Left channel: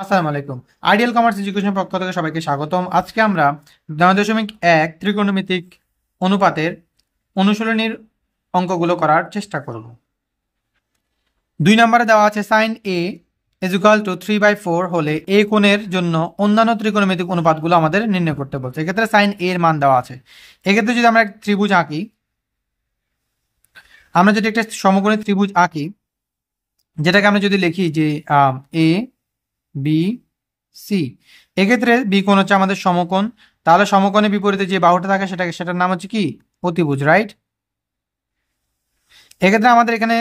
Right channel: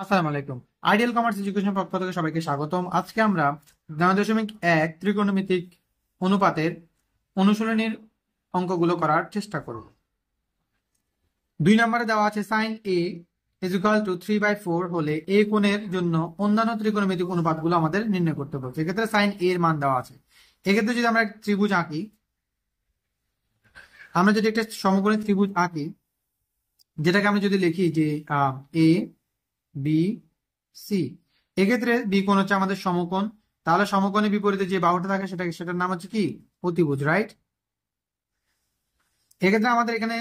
আসসালামু আলাইকুম। Ideal commerce education পক্ষ থেকে সবাইকে স্বাগতম। আজকে আমরা 9.1 ত্রিকোণমিতিক অনুপাতের অনুশীলনীর অঙ্কগুলো করার চেষ্টা করব। 2 নম্বরে দেওয়া আছে sine A is equal to 3/4 হলে এ কোণের জন্য অন্যান্য ত্রিকোণমিতিক অনুপাতগুলো আমাদের নির্ণয় করতে বলছে। এক্ষেত্রে সাইন এর মান দেওয়া আছে। এক্ষেত্রে যদি আমরা একটা ত্রিভুজ আঁকি, আমরা যদি একটা সমকোণী ত্রিভুজ আঁকি, যেটাকে আমরা যদি লিখি যে এ বি সি, এক্ষেত্রে বি কোণ হচ্ছে আমাদের সমকোণ। তাহলে সমকোণের বিপরীতে যে বাহুটা থাকে সেটার নাম হচ্ছে কি? অতিভুজ, রাইট? এক্ষেত্রে আমাদের এখানে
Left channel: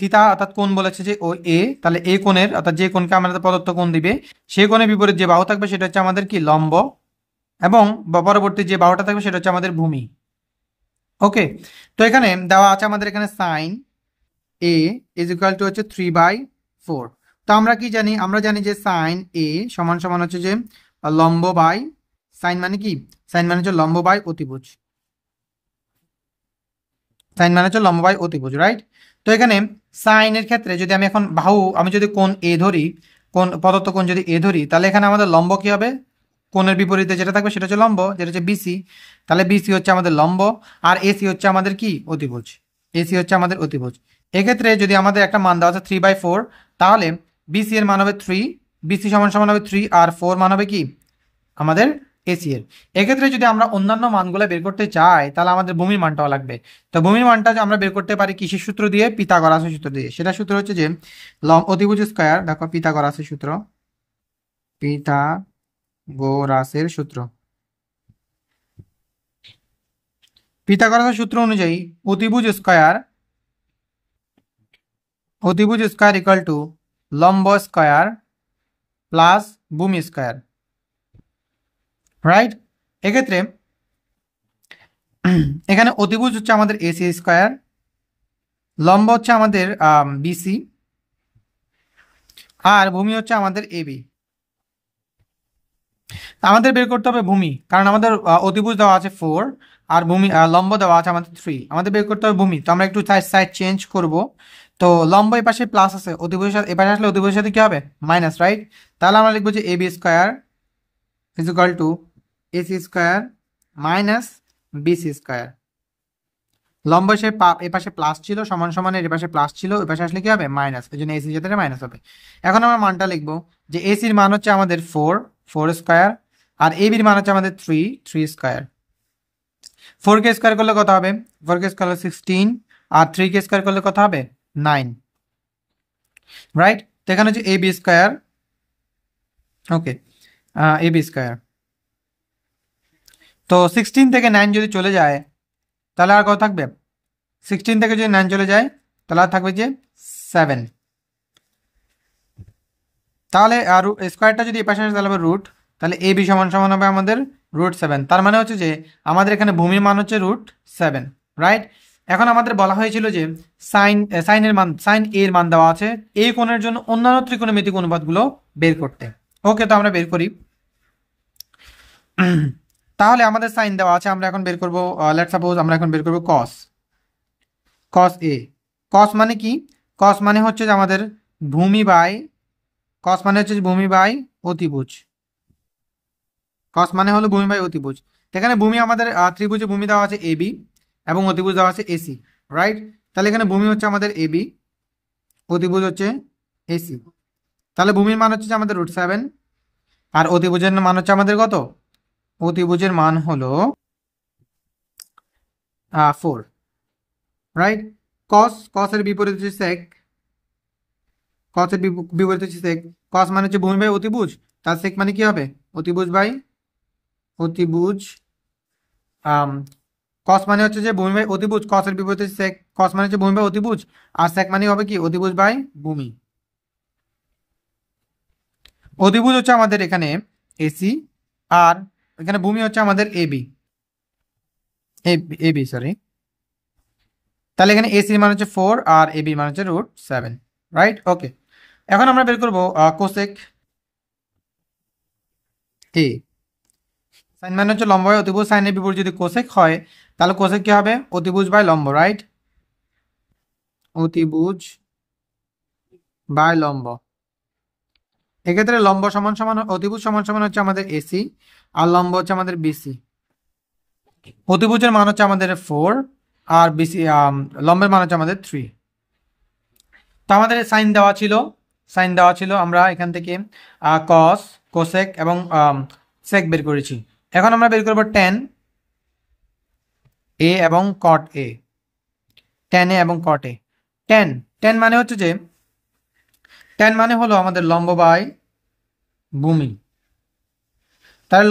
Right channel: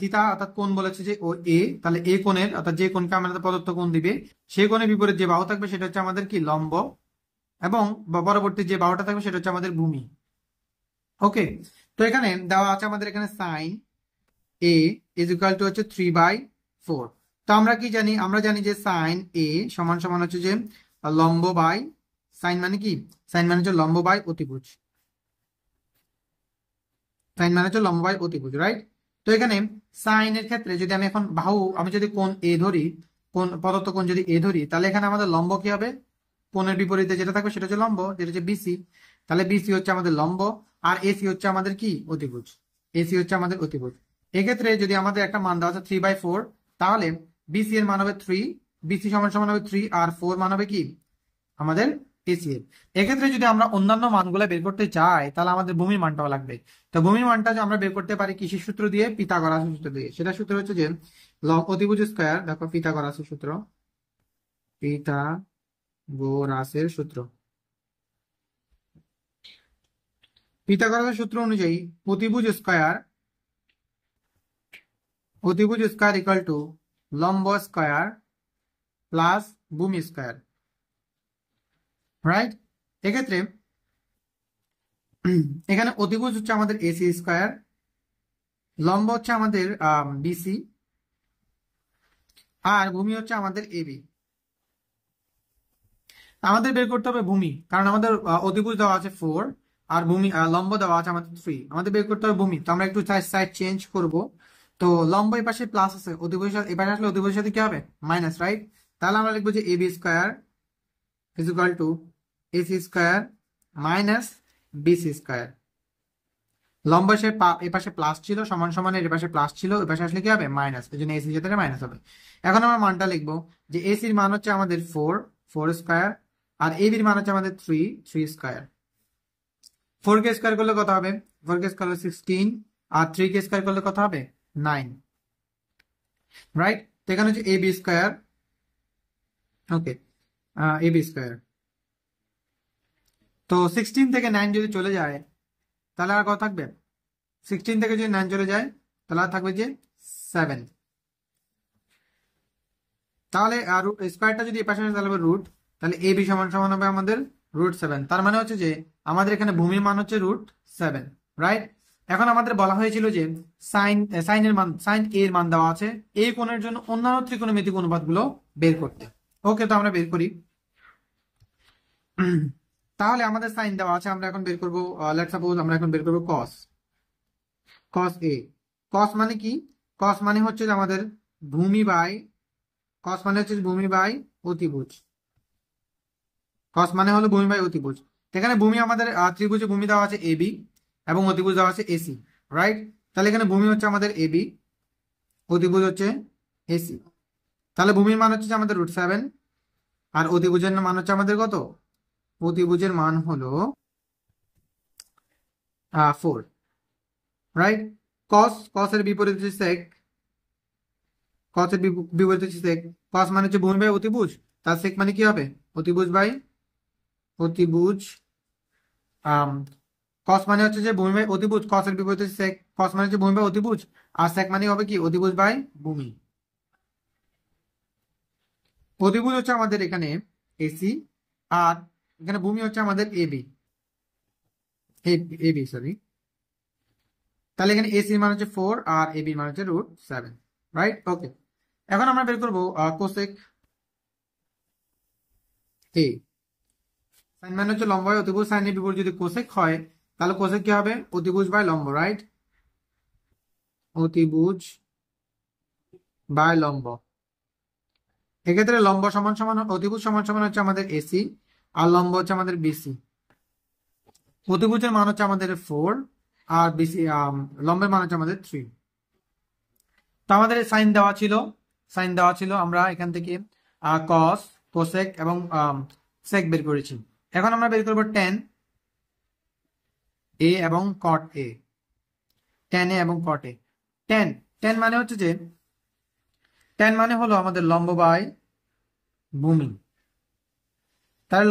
থিতা অর্থাৎ কোণ বলেছে যে ও এ, তাহলে এ কোণের অর্থাৎ যে কোণকে আমাদের প্রদত্ত কোণ দিবে সেই কোণের বিপরীত যে বাহু থাকবে সেটা হচ্ছে আমাদের কি? লম্ব। এবং পরবর্তী যে বাহুটা থাকবে সেটা হচ্ছে আমাদের ভূমি। ওকে, তো এখানে দেওয়া আছে আমাদের এখানে sine A is equal to হচ্ছে 3/4। তো আমরা কি জানি? আমরা জানি যে সাইন এ সমান সমান হচ্ছে যে লম্ব বাই সাইন মানে কি? সাইন মানে হচ্ছে লম্ব বাই অতিভুজ। সাইন মানে হচ্ছে লম্ব বাই অতিভুজ, রাইট? তো এখানে সাইনের ক্ষেত্রে যদি আমি এখন আমি যদি কোণ এ ধরি, কোণ প্রদত্ত কোণ যদি এ ধরি, তাহলে এখানে আমাদের লম্ব কি হবে? কোণের বিপরীতে যেটা থাকবে সেটা হচ্ছে লম্ব, যেটা হচ্ছে বিসি। তাহলে বিসি হচ্ছে আমাদের লম্ব, আর এসি হচ্ছে আমাদের কি? অতিভুজ। এসি হচ্ছে আমাদের অতিভুজ। এক্ষেত্রে যদি আমাদের একটা মান দেওয়া আছে 3/4, তাহলে বিসি এর মান হবে 3, বিসি সমান সমান হবে 3, আর 4 মান হবে কি? আমাদের এসি এর। এক্ষেত্রে যদি আমরা অন্যান্য মানগুলো বের করতে চাই, তাহলে আমাদের ভূমির মানটাও লাগবে। তো ভূমির মানটা যে আমরা বের করতে পারি কিসের সূত্র দিয়ে? পিথাগোরাসের সূত্র দিয়ে। সেটা সূত্র হচ্ছে যে অতিভুজ স্কয়ার, দেখো পিথাগোরাসের সূত্র, পিথাগোরাসের সূত্র। পিথাগোরাসের সূত্র অনুযায়ী অতিভুজ স্কয়ার ইকুয়াল টু লম্ব স্কয়ার প্লাস ভূমি স্কয়ার, রাইট? এক্ষেত্রে এখানে অতিভুজ হচ্ছে আমাদের এসি স্কয়ার, লম্ব হচ্ছে আমাদের বিসি, আর ভূমি হচ্ছে আমাদের এবি। আমাদের বের করতে হবে ভূমি, কারণ আমাদের অতিভুজ দেওয়া আছে 4, আর ভূমি লম্ব দেওয়া আছে আমাদের 3। আমাদের বের করতে হবে ভূমি। তো আমরা একটু সাইড চেঞ্জ করব। তো লম্ব এই পাশে প্লাস আছে, অতিভুজের সাথে এপাশে আসলে অতিভুজের সাথে কি হবে? Minus, right? তাহলে আমরা লিখবো যে AB square is equal to AC square minus BC square. লম্ব এ পাশে প্লাস ছিল, সমান সমান এর পাশে প্লাস ছিল, এ পাশে আসলে কি হবে? মাইনাস। এই জন্য এসির সাথে মাইনাস হবে। এখন আমরা মানটা লিখবো যে এসির মান হচ্ছে আমাদের 4 স্কয়ার, আর এবির মান হচ্ছে আমাদের 3 স্কয়ার। 4 কে স্কয়ার করলে কত হবে? 4 কে স্কয়ার করলে 16, আর 3 কে স্কয়ার করলে কত হবে? 9, রাইট? তো এখানে হচ্ছে এবি স্কয়ার। ওকে, এবি স্কয়ার। তো 16 থেকে 9 যদি চলে যায়, তাহলে আর কত থাকবে? 16 থেকে যদি 9 চলে যায়, তাহলে আর থাকবে যে 7। তাহলে আর স্কোয়ারটা যদি এ পাশে আসে তাহলে হবে রুট। তাহলে এ বি সমান সমান হবে আমাদের √7। তার মানে হচ্ছে যে আমাদের এখানে ভূমির মান হচ্ছে √7, রাইট? এখন আমাদের বলা হয়েছিল যে সাইন এর মান দেওয়া আছে এই কোণের জন্য অন্যান্য ত্রিকোণমিতিক অনুপাতগুলো বের করতে। ওকে, তো আমরা বের করি। তাহলে আমাদের সাইন দেওয়া আছে, আমরা এখন বের করব, লেটস সাপোজ আমরা এখন বের করব কস এ। কস মানে কি? কস মানে হচ্ছে যে আমাদের ভূমি বাই, কস মানে হচ্ছে যে ভূমি বাই অতিভুজ। কস মানে হলো ভূমি বাই অতিভুজ। এখানে ভূমি আমাদের ত্রিভুজে ভূমি দেওয়া আছে এবি এবং অতিভুজ দেওয়া আছে এসি, রাইট? তাহলে এখানে ভূমি হচ্ছে আমাদের এবি, অতিভুজ হচ্ছে এসি। তাহলে ভূমির মান হচ্ছে যে আমাদের √7, আর অতিভুজের মান হচ্ছে আমাদের কত? অতিভুজের মান হলো 4, রাইট? কসের বিপরীত হচ্ছে সেক, কসের বিপরীত হচ্ছে সেক। কস মানে হচ্ছে ভূমি বাই অতিভুজ, তার সেক মানে কি হবে? অতিভুজ বাই অতিভুজ। কস মানে হচ্ছে যে ভূমি বাই অতিভুজ, কসের বিপরীতে সেক। কস মানে হচ্ছে ভূমি বাই অতিভুজ, আর সেক মানে হবে কি? অতিভুজ বাই ভূমি। অতিভুজ হচ্ছে আমাদের এখানে এসি, আর এখানে ভূমি হচ্ছে আমাদের এবি, এবি সরি। তাহলে এখানে এসির মান হচ্ছে 4 আর এবির মান হচ্ছে √7, রাইট? ওকে, এখন আমরা বের করবো কোসেক এ। সাইন মানে হচ্ছে লম্ব বাই অতিভুজ, সাইনের বিপরীত যদি কোসেক হয় তাহলে কোসেক কি হবে? অতিভুজ বাই লম্ব, রাইট? অতিভুজ বাই লম্ব। এক্ষেত্রে লম্ব সমান সমান অতিভুজ সমান সমান হচ্ছে আমাদের এসি, আর লম্ব হচ্ছে আমাদের বিসি। অতিভুজের মান হচ্ছে আমাদের 4, আর বিসি লম্বের মান হচ্ছে আমাদের 3। তো আমাদের সাইন দেওয়া ছিল, আমরা এখান থেকে কস, কোসেক এবং সেক বের করেছি। এখন আমরা বের করবো ট্যান এ এবং কট এ। ট্যান এ এবং কট এ। ট্যান ট্যান মানে হচ্ছে যে, ট্যান মানে হলো আমাদের লম্ব বাই ভূমি। তাহলে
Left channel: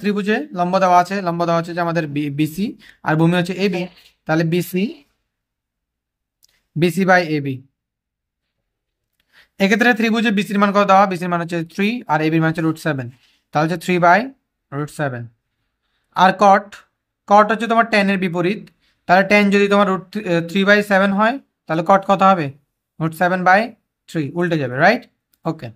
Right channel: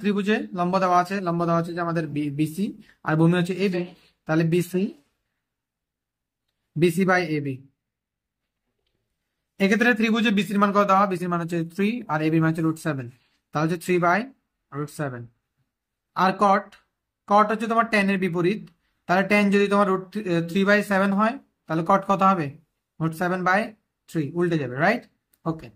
ত্রিভুজে লম্ব দেওয়া আছে, যে আমাদের বিসি, আর ভূমি হচ্ছে এবি। তাহলে বিসি বিসি বাই এবি। এক্ষেত্রে ত্রিভুজে বিসির মান কত দেওয়া? বিসির মান হচ্ছে 3, আর এবির মান হচ্ছে √7। তাহলে হচ্ছে 3/√7। আর কট, হচ্ছে তোমার tan এর বিপরীত। তাহলে tan যদি তোমার √3/7 হয়, তাহলে কট কত হবে? √7/3, উল্টে যাবে, রাইট? ওকে।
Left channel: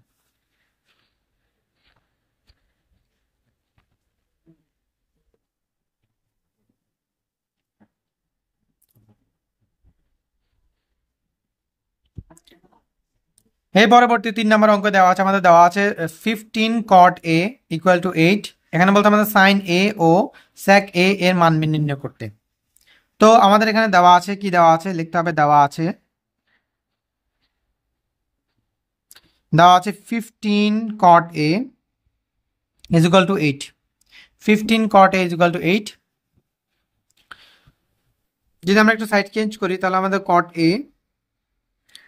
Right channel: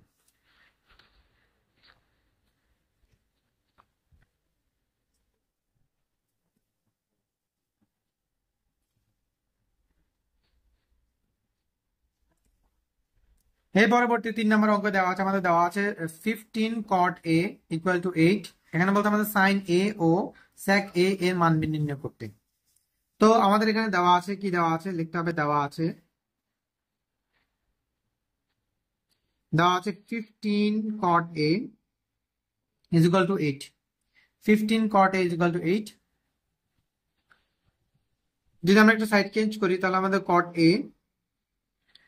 এই পরবর্তী 3 নম্বর অঙ্ক দেওয়া আছে, আমাদের দেওয়া আছে 15 cot a = 8। এখানে বলতে আমাদের সাইন এ ও sec a এর মান নির্ণয় করতে। তো আমাদের এখানে দেওয়া আছে, কি দেওয়া আছে লিখতে হবে। দেওয়া আছে 15 cot a = 8। 15 cot a = 8। যদি আমরা একটু সাইড চেঞ্জ করি, তাহলে আমাদের cot a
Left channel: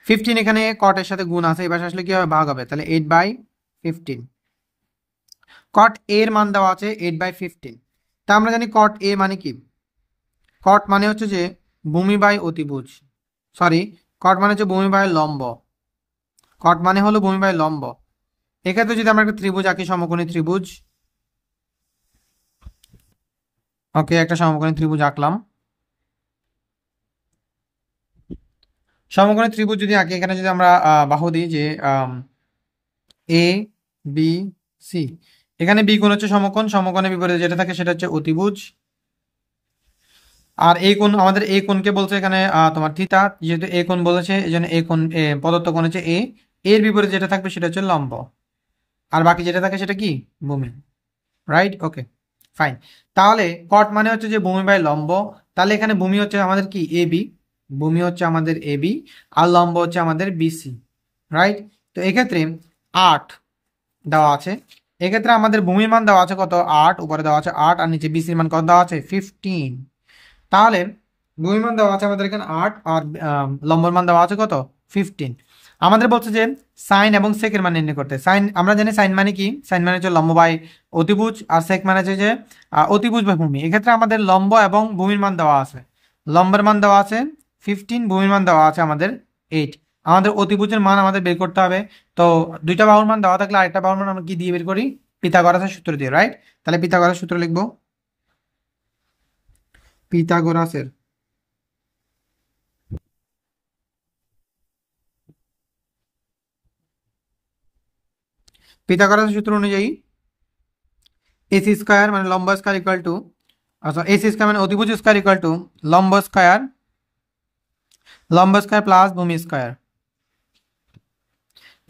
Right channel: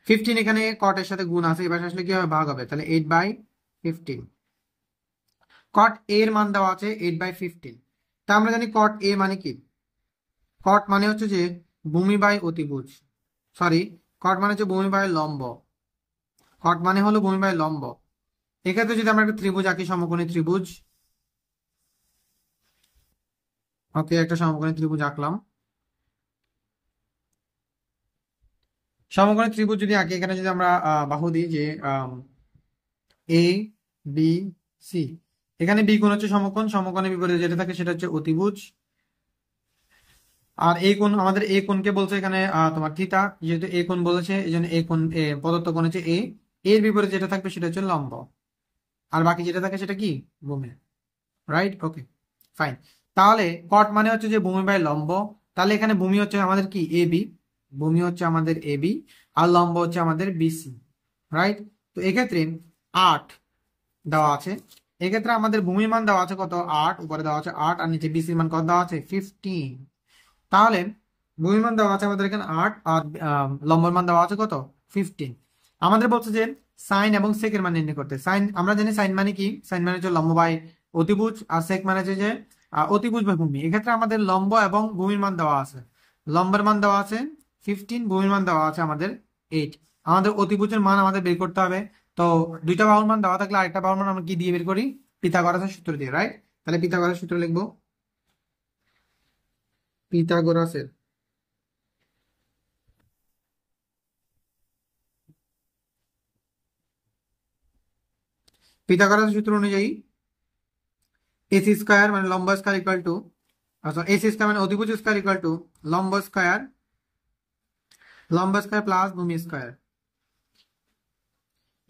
15, এখানে cot এর সাথে গুণ আছে, এবার আসলে কি হবে? ভাগ হবে। তাহলে 8/15। cot a এর মান দেওয়া আছে 8/15। তা আমরা জানি cot a মানে কি? cot মানে হচ্ছে যে ভূমি বাই অতিভুজ। সরি, cot মানে হচ্ছে ভূমি বাই লম্ব। cot মানে হলো ভূমি বাই লম্ব। এক্ষেত্রে যদি আমরা একটা ত্রিভুজ আঁকি, সমকোণী ত্রিভুজ। ওকে, একটা সমকোণী ত্রিভুজ আঁকলাম। সমকোণী ত্রিভুজ যদি আঁকি, এখানে যদি আমরা বাহু দিই যে এ বি সি, এখানে বি কোণ হচ্ছে সমকোণ, সমকোণের বিপরীতে যেটা থাকে সেটা হচ্ছে অতিভুজ। আর এই কোণ, আমাদের এই কোণকে বলছে এখানে তোমার থিতা, যেহেতু এই কোণ বলেছে এই জন্য এই কোণ প্রদত্ত কোণ হচ্ছে এ। এর বিপরীতে যেটা থাকবে সেটা হচ্ছে লম্ব, আর বাকি যেটা থাকে সেটা কি? ভূমি, রাইট? ওকে, ফাইন। তাহলে কট মানে হচ্ছে যে ভূমি বাই লম্ব। তাহলে এখানে ভূমি হচ্ছে আমাদের কি? এবি। ভূমি হচ্ছে আমাদের এবি, আর লম্ব হচ্ছে আমাদের বিসি, রাইট? তো এক্ষেত্রে 8 দেওয়া আছে। এক্ষেত্রে আমাদের ভূমির মান দেওয়া আছে কত? 8, উপরে দেওয়া আছে 8, আর নিচে বিসির মান কত দেওয়া আছে? 15। তাহলে ভূমির মান দেওয়া আছে আমাদের এখানে 8, আর লম্বর মান দেওয়া আছে কত? 15। আমাদের বলছে যে সাইন এবং সেকের মান নির্ণয় করতে। সাইন, আমরা জানি সাইন মানে কি? সাইন মানে হচ্ছে লম্ব বাই অতিভুজ, আর সেক মানে হচ্ছে যে অতিভুজ বাই ভূমি। এক্ষেত্রে আমাদের লম্ব এবং ভূমির মান দেওয়া আছে। লম্বের মান দেওয়া আছে 15, ভূমির মান দেওয়া আছে আমাদের 8। আমাদের অতিভুজের মান আমাদের বের করতে হবে। তো দুইটা বাহুর মান দেওয়া থাকলে আরেকটা বাহুর মান আমরা কি দিয়ে বের করি? পিথাগোরাসের সূত্র দিয়ে, রাইট? তাহলে পিথাগোরাসের সূত্র লিখবো। পিথাগোরাসের পিথাগোরাসের সূত্র অনুযায়ী এসি স্কয়ার মানে লম্ব square equal to, AC square মানে অতিভুজ স্কয়ার ইকুয়াল টু লম্ব স্কয়ার প্লাস ভূমি স্কয়ার।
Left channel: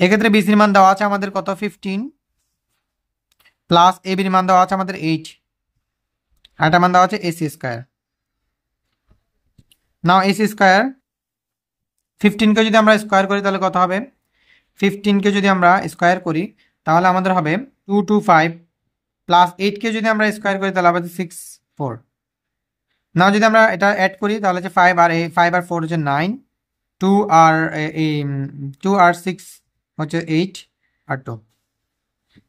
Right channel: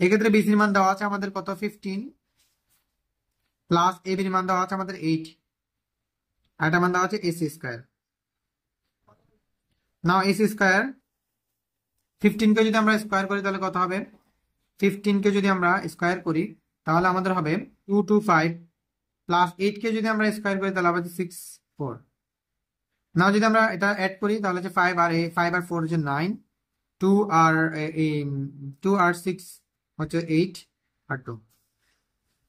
এক্ষেত্রে বিসির মান দেওয়া আছে আমাদের কত? 15, প্লাস এবির মান দেওয়া আছে আমাদের 8, আর এটা মান দেওয়া আছে এসি স্কয়ার। নাও এসি স্কয়ার 15 কে যদি আমরা স্কয়ার করি তাহলে কত হবে? 15 কে যদি আমরা স্কয়ার করি তাহলে আমাদের হবে 225, প্লাস 8 কে যদি আমরা স্কয়ার করি তাহলে হবে 64। না, যদি আমরা এটা অ্যাড করি তাহলে হচ্ছে 5 আর 4 হচ্ছে 9, 2 আর 6 হচ্ছে 8, আর 2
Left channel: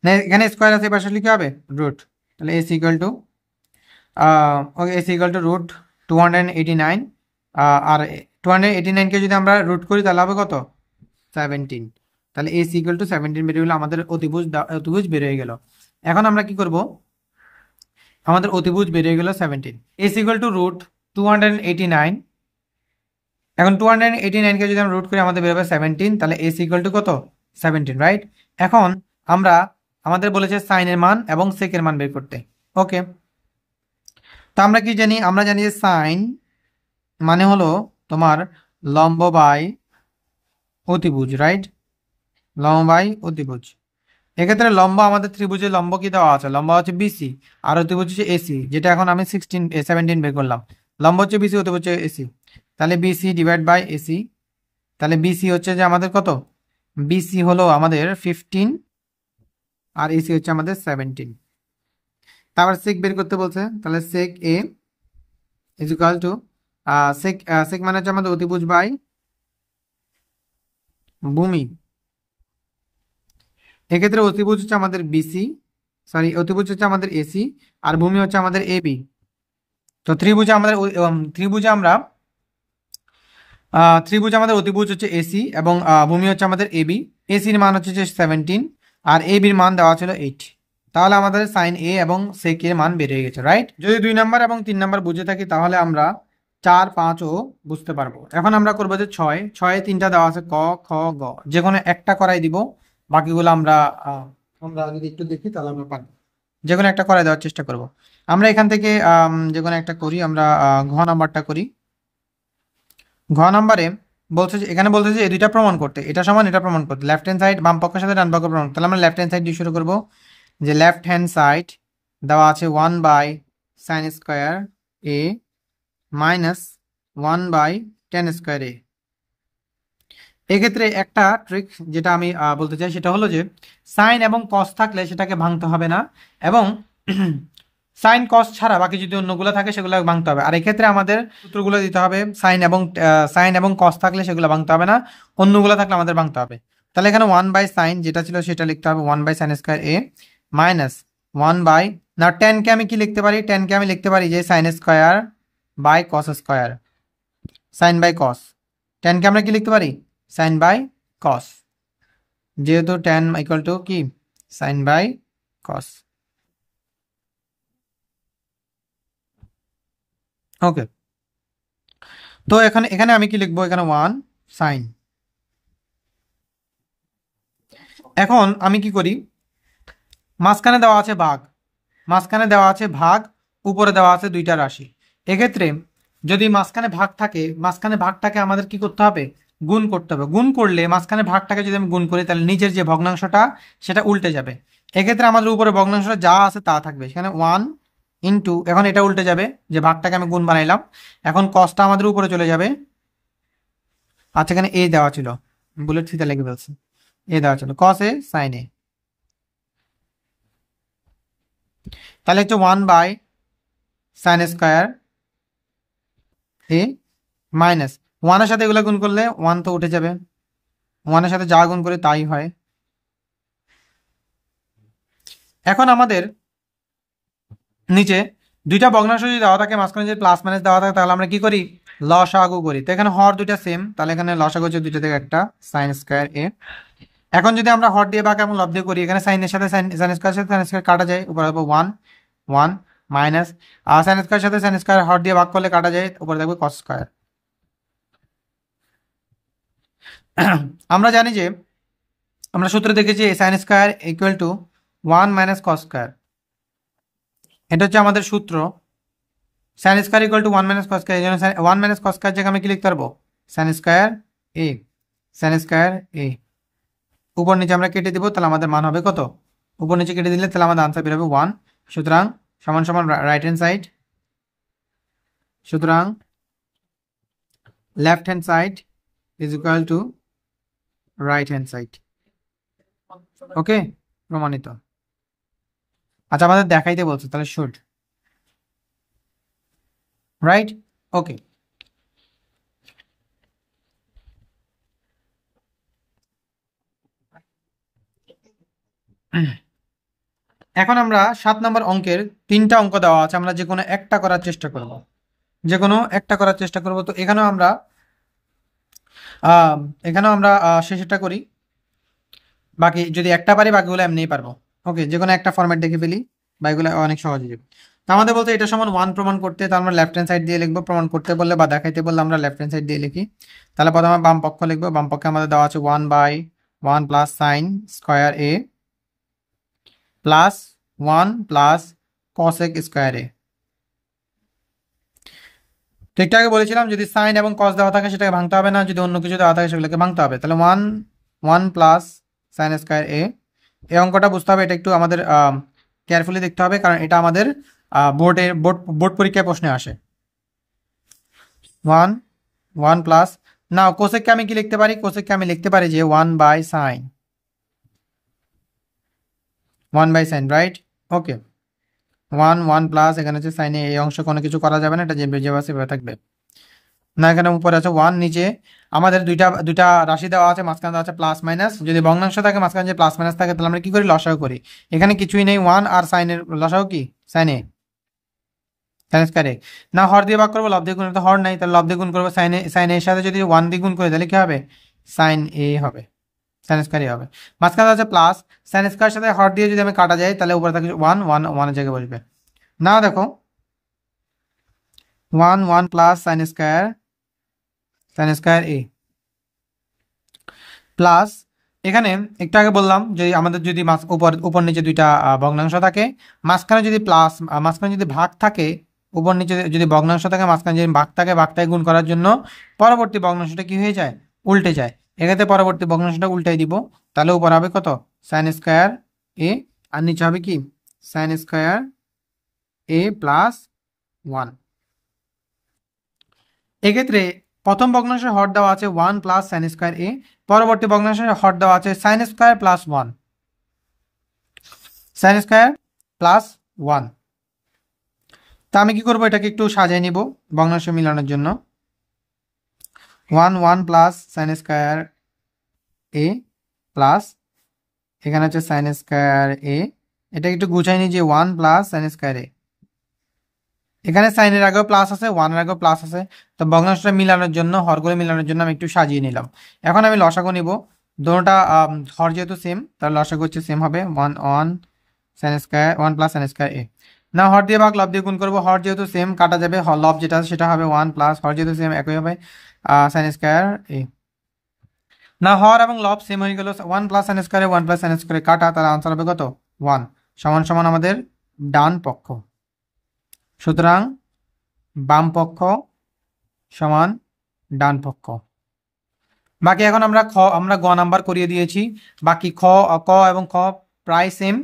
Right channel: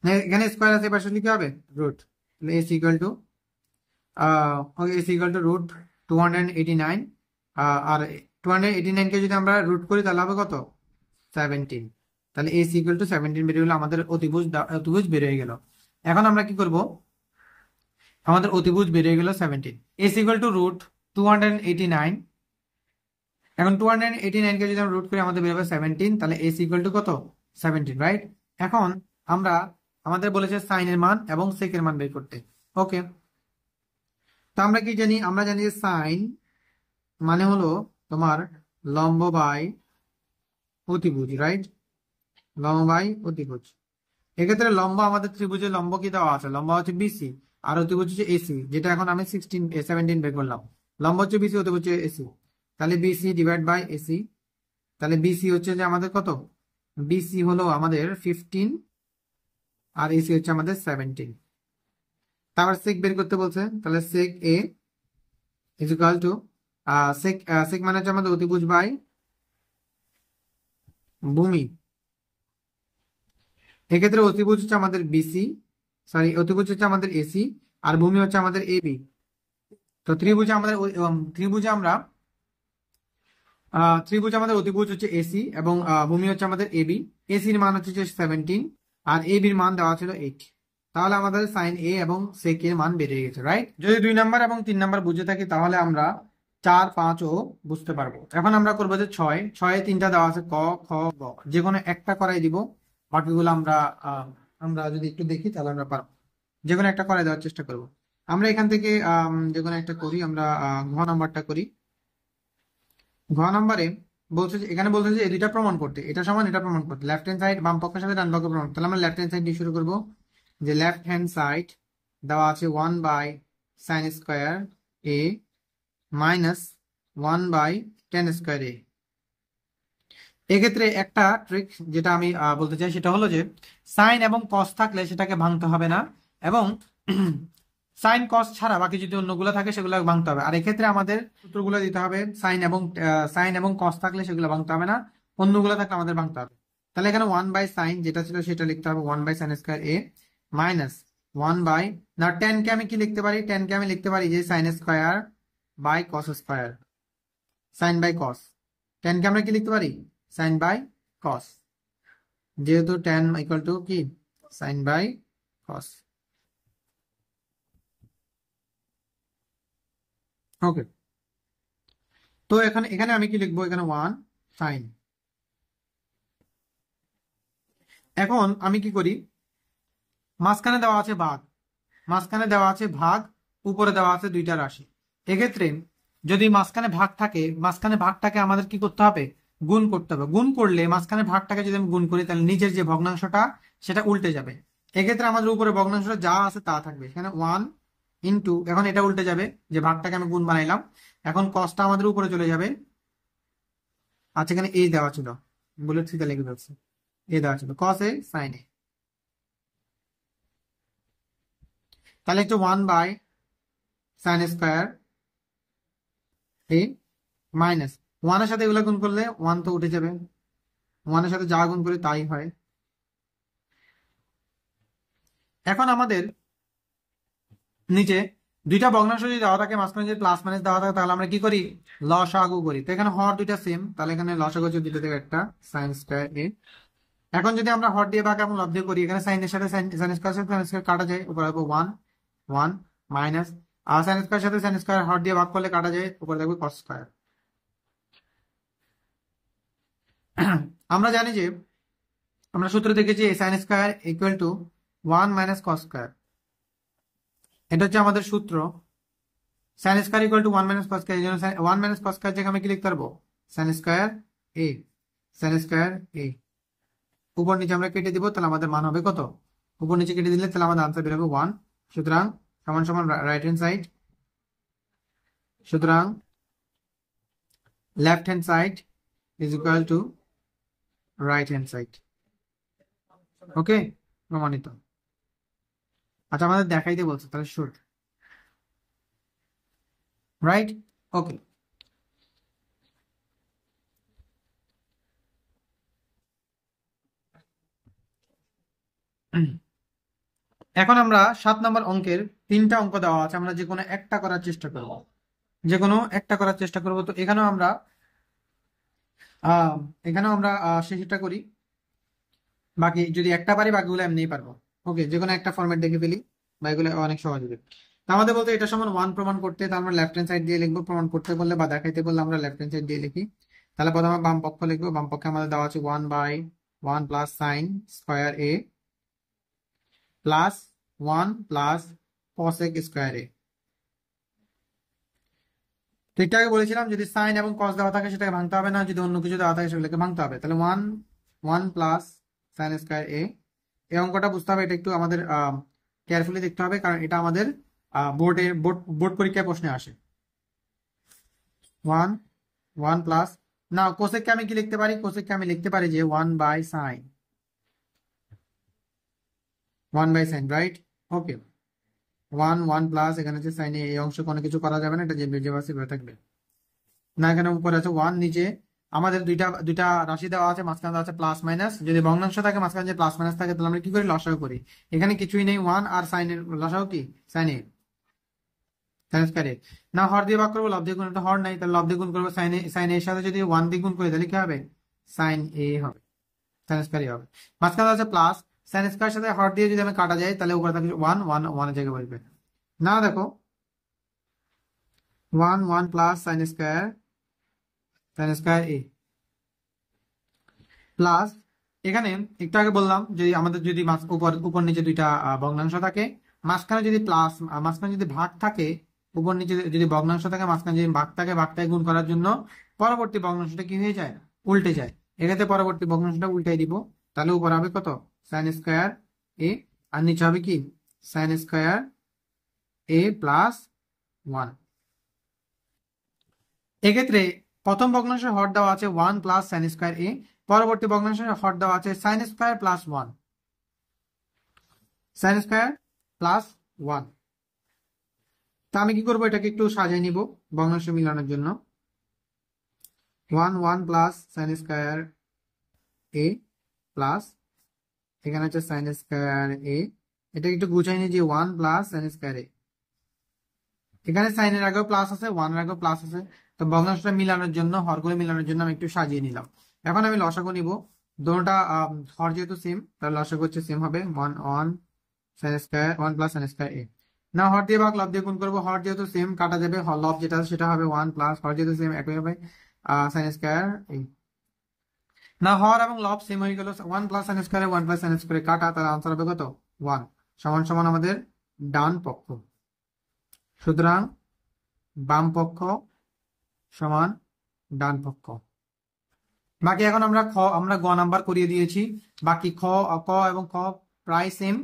না, এখানে স্কয়ার আছে, পাশে লিখে হবে রুট। তাহলে S equal to okay, S equal to root 289। আর 289 কে যদি আমরা রুট করি তাহলে হবে কত? 17। তাহলে এস ইকুয়াল টু 17 বেরিয়ে গেল, আমাদের অতিভুজ বেরিয়ে গেল। এখন আমরা কি করব? আমাদের অতিভুজ বেরিয়ে গেল 17। S equal to root 289। এখন 289 কে যদি আমরা রুট করি আমাদের বেরোবে 17। তাহলে এস ইকুয়াল টু কত? 17, রাইট? এখন আমরা, আমাদের বলেছে সাইনের মান এবং সেকের মান বের করতে। ওকে, তা আমরা কি জানি? আমরা জানি যে সাইন মানে হলো তোমার লম্ব বাই অতিভুজ, রাইট? লম্ব বাই অতিভুজ। এক্ষেত্রে লম্ব আমাদের ত্রিভুজের লম্ব কি দেওয়া আছে? লম্ব হচ্ছে বিসি, আর অতিভুজ হচ্ছে এসি, যেটা এখন আমি 17 বের করলাম। লম্ব হচ্ছে বিসি, অতিভুজ হচ্ছে এসি, তাহলে বিসি ডিভাইড বাই এসি। তাহলে বিসি হচ্ছে যে আমাদের কত? বিসি হলো আমাদের 15, আর এসি হচ্ছে আমাদের 17। তারপর সেক বের করতে বলছে, তাহলে সেক এ ইজ ইকুয়াল টু সেক সেক মানে হচ্ছে আমাদের অতিভুজ বাই ভূমি। এক্ষেত্রে অতিভুজ হচ্ছে আমাদের বিসি, সরি অতিভুজ হচ্ছে আমাদের এসি, আর ভূমি হচ্ছে আমাদের এবি। তো ত্রিভুজে আমাদের ত্রিভুজে আমরা ত্রিভুজ আমাদের অতিভুজ হচ্ছে এসি এবং ভূমি হচ্ছে আমাদের এবি। এসির মান হচ্ছে যে 17, আর এবির মান দেওয়া ছিল 8। তাহলে আমাদের সাইন এ এবং সেক এর মান বেড়ে গেছে, রাইট? যদি 2 নাম্বার এবং 3 নাম্বার বুঝে থাকি তাহলে আমরা 4, 5 ও বুঝতে পারবো। এখন আমরা করবো যে 6 3টা দেওয়া আছে, ক, খ, গ, যে কোনো একটা করাই দিব। বাকিগুলো আমরা আমরা যদি একটু দেখি তাহলে আমরা পারবো। যে কোনো একটা করাই দেওয়ার চেষ্টা করব। আমরা এখান থেকে যে কোনো একটা করি। আমরা ঘ নাম্বারটা করি। ঘ নাম্বারে বলছে যে, এখানে বলছে যে এই দুইটা প্রমাণ করতে, এটা সমান এটা প্রমাণ করতে, লেফট হ্যান্ড সাইড বাম পক্ষের সাথে ডান পক্ষ প্রমাণ করতে। তাহলে আমরা লেফট হ্যান্ড সাইড দিয়ে শুরু করব। যে লেফট হ্যান্ড সাইড দেওয়া আছে 1/sin² a minus 1/tan² a। এক্ষেত্রে একটা ট্রিক যেটা আমি বলতে চাই সেটা হলো যে সাইন এবং কস থাকলে সেটাকে ভাঙতে হবে না, এবং সাইন কস ছাড়া বাকি যদি অন্যগুলো থাকে সেগুলো ভাঙতে হবে। আর এক্ষেত্রে আমাদের সূত্রগুলো দিতে হবে, সাইন এবং কস থাকলে সেগুলো ভাঙতে হবে না, অন্যগুলো থাকলে আমাদের ভাঙতে হবে। তাহলে এখানে 1/sin যেটা ছিল সেটা লিখতে হবে 1/sin² a মাইনাস 1 বাই, না টেনকে আমি কি লিখতে পারি? টেনকে আমি লিখতে পারি যে sin² by cos², sine by cos. টেনকে আমরা কি লিখতে পারি? সাইন বাই কস, যেহেতু tan ইকুয়াল টু কি সাইন বাই কস। ওকে, তো এখানে এখানে আমি কি লিখবো? এখানে 1 সাইন। এখন আমি কি করি? মাঝখানে দেওয়া আছে ভাগ, মাঝখানে দেওয়া আছে ভাগ, উপরে দেওয়া আছে দুইটা রাশি। এক্ষেত্রে যদি মাঝখানে ভাগ থাকে, মাঝখানে ভাগটাকে আমাদের কি করতে হবে? গুণ করতে হবে। গুণ করলে মাঝখানে ভাগটাকে যদি আমি গুণ করি তাহলে নিচের যে ভগ্নাংশটা সেটা উল্টে যাবে। এক্ষেত্রে আমাদের উপরে ভগ্নাংশটা যা আছে তা থাকবে, সেখানে 1 ইন্টু, এখন এটা উল্টে যাবে, যে ভাগটাকে আমি গুণ বানাইলাম, এখন কসটা আমাদের উপরে চলে যাবে। আচ্ছা, এখানে এ দেওয়া ছিল, বুলেট ফিতে লিখে ফেলছে, এ দেওয়া ছিল কস এ সাইন এ। তাহলে হচ্ছে 1/sin² এ মাইনাস 1 এর সাথে এগুলো গুণ করলে 1 তো উঠে যাবে, 1 এর সাথে যা গুণ করে তাই হয়। এখন আমাদের নিচে দুইটা ভগ্নাংশ যদি দেওয়া থাকে, মাঝখানে যদি প্লাস মাইনাস দেওয়া থাকে, তাহলে আমরা কি করি? লসাগু করি। তো এখানে হর দুইটা সেম, তাহলে এখানে লসাগু হচ্ছে দুইটা থেকে একটা sin²a। এখন যদি আমরা হর দিয়ে ভাগ এবং লব দিয়ে করি, এখানে সাইনের সাথে sin² সাথে sin² কাটা যায়, উপরে হবে 1 1 মাইনাস, আর sin² সাথে sin² হর দিয়ে ভাগ করলে কাটা যায়, উপরে থাকবে cos²। আমরা জানি যে আমরা সূত্র দেখেছি sin² equal to 1 minus cos²। এটা হচ্ছে আমাদের সূত্র। sin² equal to 1 minus cos², এই জন্য 1 মাইনাস cos² জায়গায় আমি কি লিখতে পারবো? sin² a, sin² a। উপর নিচে আমরা কেটে দিব, তাহলে আমাদের মান হবে কত? উপর নিচে কেটে দিলে তাহলে আমাদের আনসার বের হবে 1। সুতরাং সমান সমান রাইট হ্যান্ড সাইড, সুতরাং left hand side is equal to right hand side. Okay, প্রমাণিত। আচ্ছা, আমাদের দেখাইতে বলছে, তাহলে শুড, রাইট? ওকে, এখন আমরা 7 নম্বর অঙ্কের 3টা অঙ্ক দেওয়া আছে, আমরা যে কোনো একটা করার চেষ্টা করব, যে কোনো একটা করার চেষ্টা করব। তো এখানেও আমরা আহ এখানেও আমরা শেষেরটা করি, বাকি যদি একটা পারি বাকিগুলো এমনিই পারবো। ওকে, যে কোনো একটা ফরম্যাট দেখে ফেলি, বাকিগুলো অনেক সহজে যাবে। তো আমাদের বলতে এটা সমান 1 প্রমাণ করতে, তো আমরা লেফট হ্যান্ড সাইড দিয়ে লিখবো। প্রমাণ করতে বললে বা দেখাইতে বললে আমরা লেফট হ্যান্ড সাইড দিয়ে লিখি। তাহলে প্রথমে বাম পক্ষ লিখবো। বাম পক্ষে আমাদের দেওয়া আছে 1/1 plus sin² a plus 1 plus cos² a। তো একটু আগে বলেছিলাম যদি সাইন এবং কস দেওয়া থাকে সেটাকে ভাঙতে হবে না, যদি অন্য কিছু দেওয়া থাকে সেগুলোকে ভাঙতে হবে। তাহলে 1 প্লাস sin² a, এই অঙ্কটা বুঝতে হবে, এটা একটু আমাদের কেয়ারফুলি দেখতে হবে, কারণ এটা আমাদের বোর্ড পরীক্ষায় প্রশ্নে আসে। 1 প্লাস, না কোসেককে আমি কি লিখতে পারি, কোসেককে আমি লিখতে পারি যে 1/sin, রাইট? ওকে, 1 প্লাস, এখানে হচ্ছে সাইনে এই অংশ কোনো কিছু করা যাবে না, এটা যে যে আছে সেভাবে থাকবে। না এখানে উপরে আছে 1, নিচে আমাদের দুইটা দুইটা রাশি দেওয়া আছে, মাঝখানে দেওয়া আছে প্লাস মাইনাস। যদি ভগ্নাংশ থাকে মাঝখানে যে প্লাস মাইনাস থাকে, তাহলে আমরা কি করি, লসাগু করি। এখানে কিছুই নেই, 1 আর সাইনের লসাগু কি, সাইনে, সাইন স্কয়ারে। না হর দিয়ে ভাগ করবো, লব দিয়ে গুণ, তো হর নাই, তাহলে লব দিয়ে গুণ করবো। সাইন এর সাথে যদি 1 দিয়ে গুণ করে, তাহলে কি হবে, সাইন এ হবে, সাইন স্কয়ার হবে। মাঝখানে আছে প্লাস, সাইন স্কয়ার সাথে হর দিয়ে যদি আমি কাটা যায়, তাহলে উপরে থাকে 1 জায়গায় বসবে। না দেখো, 1 প্লাস সাইন স্কয়ার এ প্লাস, এখানে একটু আগে বললাম যদি আমাদের যদি উপর উপর নিচে দুইটা ভগ্নাংশ থাকে, মাঝখানে যদি প্লাস, মাঝখানে যদি ভাগ থাকে, উপর নিচে যদি ভগ্নাংশ থাকে, মাঝখানে যদি ভাগ থাকে, ভাগটাকে গুণ করার জন্য পরবর্তী ভগ্নাংশটা কি হয়ে যায়, উল্টে যায়। এক্ষেত্রে পরবর্তী ভগ্নাংশটা উল্টাই দিব, তাহলে উপর হবে কত, সাইন স্কয়ার এ, আর নিচে হবে কি, সাইন স্কয়ার এ প্লাস 1। এক্ষেত্রে প্রথম ভগ্নাংশের হর দেওয়া আছে 1 প্লাস সাইন স্কয়ার এ, পরবর্তী ভগ্নাংশের হর দেওয়া আছে sine square plus 1, sine square plus 1। তা আমি কি করবো, এটাকে একটু সাজিয়ে নিব ভগ্নাংশ মিলানোর জন্য। 1 প্লাস সাইন স্কয়ার এ প্লাস, এখানে হচ্ছে সাইন স্কয়ার এ, এটা একটু গুছাই নি যে 1 প্লাস সাইন স্কয়ার এ, এখানে সাইনের আগেও প্লাস আছে, 1 এর আগেও প্লাস আছে, তো ভগ্নাংশটা মিলানোর জন্য, হরগুলো মিলানোর জন্য আমি একটু সাজিয়ে নিলাম। এখন আমি লসাগু নিব, দুটোটা হর যেহেতু সেম, তাহলে লসাগু হচ্ছে সেম হবে, 1 sine square 1 plus sine square A. না হর দিয়ে ভাগ লব দিয়ে গুণ করবো, হর যেহেতু সেম কাটা যাবে, লব যেটা আছে সেটা হবে 1 প্লাস, হর যেহেতু সেম একই হবে সাইন স্কয়ার এ। না হর এবং লব সেম হয়ে গেল, 1 plus sine square 1 plus sine square কাটা, তাহলে আনসার হবে কত, 1, সমান সমান আমাদের ডান পক্ষ। সুতরাং বাম পক্ষ সমান ডান পক্ষ। বাকি এখন আমরা গ নাম্বার করিয়ে দিয়েছি, বাকি ক এবং খ প্রায় সেম,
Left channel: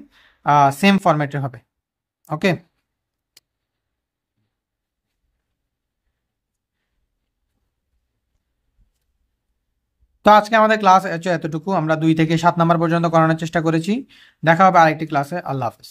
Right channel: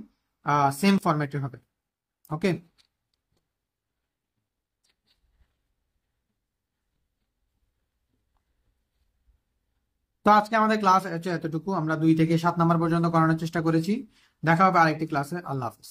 সেম ফরম্যাটের হবে। ওকে, তো আজকে আমাদের ক্লাস এতটুকু, আমরা 2 থেকে 7 নাম্বার পর্যন্ত করানোর চেষ্টা করেছি। দেখা হবে আরেকটি ক্লাসে। আল্লাহ হাফেজ।